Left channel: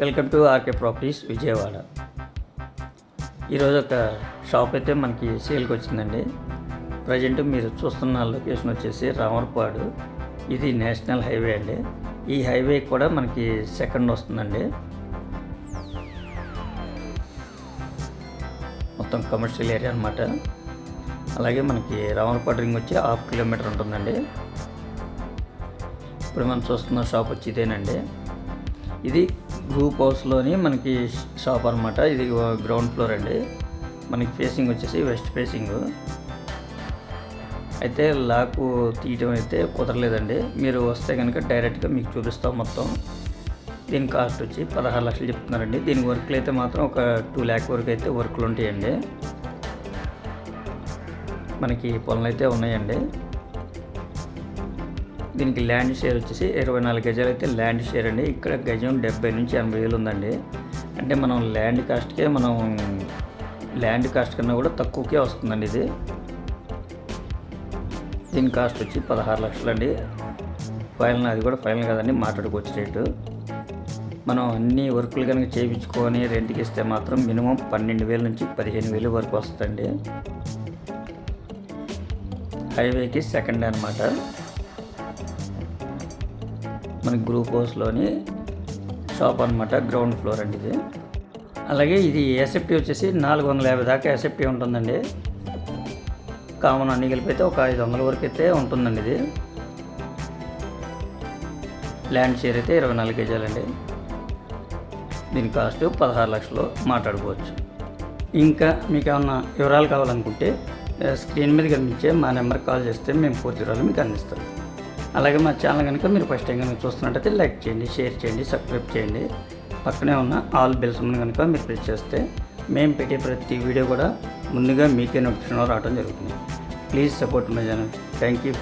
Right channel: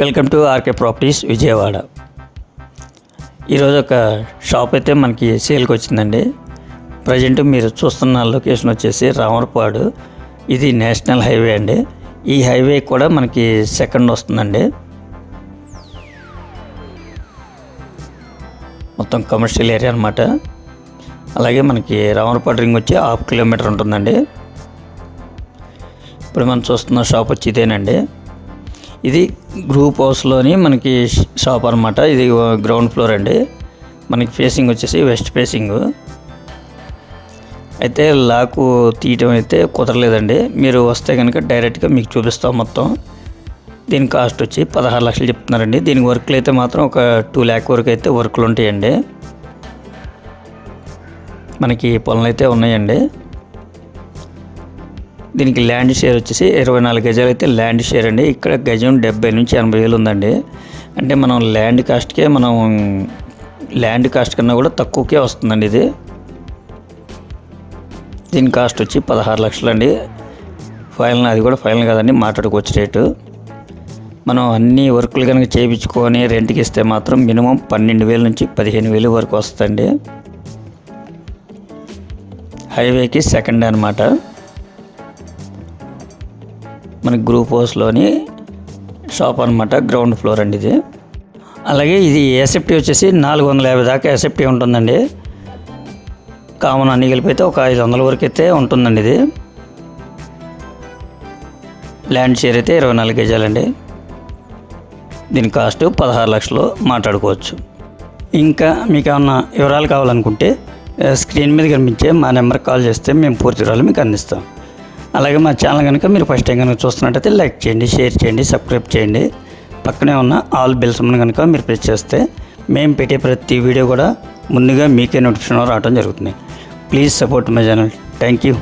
Welcome to RK properties Vijayawada. ఈరోజు ఒక shop అయితే మనకి సేల్కి వచ్చిందండి. ప్రజెంట్ మీరు చూస్తున్న లొకేషన్ వచ్చేసి రామరపాడు. ఇది నేషనల్ హైవే అండి. ఈ హైవే కూడా మనకి సెకండ్ వస్తుందండి. మొత్తం కమర్షియల్ ఏరియా అనమాట. అలాగే మనకి రామరపాడు రింగ్ వచ్చి 1/2 కిలోమీటర్ ఉంటుందండి. ఇప్పుడు మనం చూస్తున్న షాప్ వచ్చి ఇదేనండి. ఇది గ్రూప్ హౌస్లోని మనకి షాప్ అనమాట. ఇది గ్రౌండ్ ఫ్లోర్ అండి. మనకి ఫేసింగ్ వచ్చేసి వెస్ట్ ఫేసింగ్. అయితే లాకు తీయటం అయితే కుదరలేదండి. మీరు వస్తే కనుక డైరెక్ట్గా మీకు చూపిస్తాం మొత్తం. దీని కాస్ట్ వచ్చి 16 లక్షలు చెప్తున్నారండి. దీనికి వర్క్లు అయితే మాత్రం ఒక 2 lakh వరకు అయితే వర్క్లు ఉంటాయండి. మనకి పొలాలు అయితే ఉన్నాయండి. దీనికి ల్యాండ్ షేర్ వచ్చేసి 24 గజాలు అయితే ల్యాండ్ షేర్ అండి. ఇక్కడ గజం 70 నుంచి 80 వేలు ఉందండి. అంటే మనం ల్యాండ్ కాస్ట్ కన్నా కూడా తక్కువకే వస్తుందండి ఇది. దీని కాస్ట్ వచ్చి 16 లక్షలు అండి. ఫైనల్, అది కూడా ఫైనల్ కాదండి, మాట్లాడుకోవచ్చు రేటు. మనం అన్ని వర్కులు కనుక చేయించుకొని రెంట్కి ఇస్తే మాత్రం మినిమం 12,000 నుంచి 15,000 వరకు వస్తుందండి. హైవేకి సెకండ్ అనమాట. మనకి గ్రూప్ హౌస్లోని షాప్ అనమాట. గ్రౌండ్ ఫ్లోర్ అండి ఇది. అలాగే ఇది ఎస్ఎఫ్టీ వచ్చేసి 450 దాకా ఎస్ఎఫ్టీ ఉంటుందండి. కామన్ అన్ని కలిపి అయితే ఒక 500 వరకు అయితే ఉంటుందండి ఇది. ల్యాండ్ షేర్ అయితే 24 గజాలండి. దీని కాస్ట్ 16 లక్షలు మాట్లాడుకోవచ్చు. ఇంకా మీకు ఏమన్నా వివరాలు కావాలనుకుంటే స్క్రీన్ మీద కనిపించే మా నెంబర్కి కాల్ చేస్తే మేము పూర్తి వివరాలు మీకు అందిస్తాం. అలాగే మా ఛానల్ కనుక మీరు ఫస్ట్ టైం కనుక చూస్తున్నట్టయితే లైక్ చేయండి, షేర్ చేయండి, సబ్స్క్రైబ్ చేయండి. పక్కనే ఉన్న ఆల్ బెల్స్ కనుక మీరు ప్రెస్ చేస్తే మేము పెట్టే ప్రతి వీడియో కూడా ముందుగా మీకే నోటిఫికేషన్ రావడం జరుగుతుంది. Please support my channel. Thank you.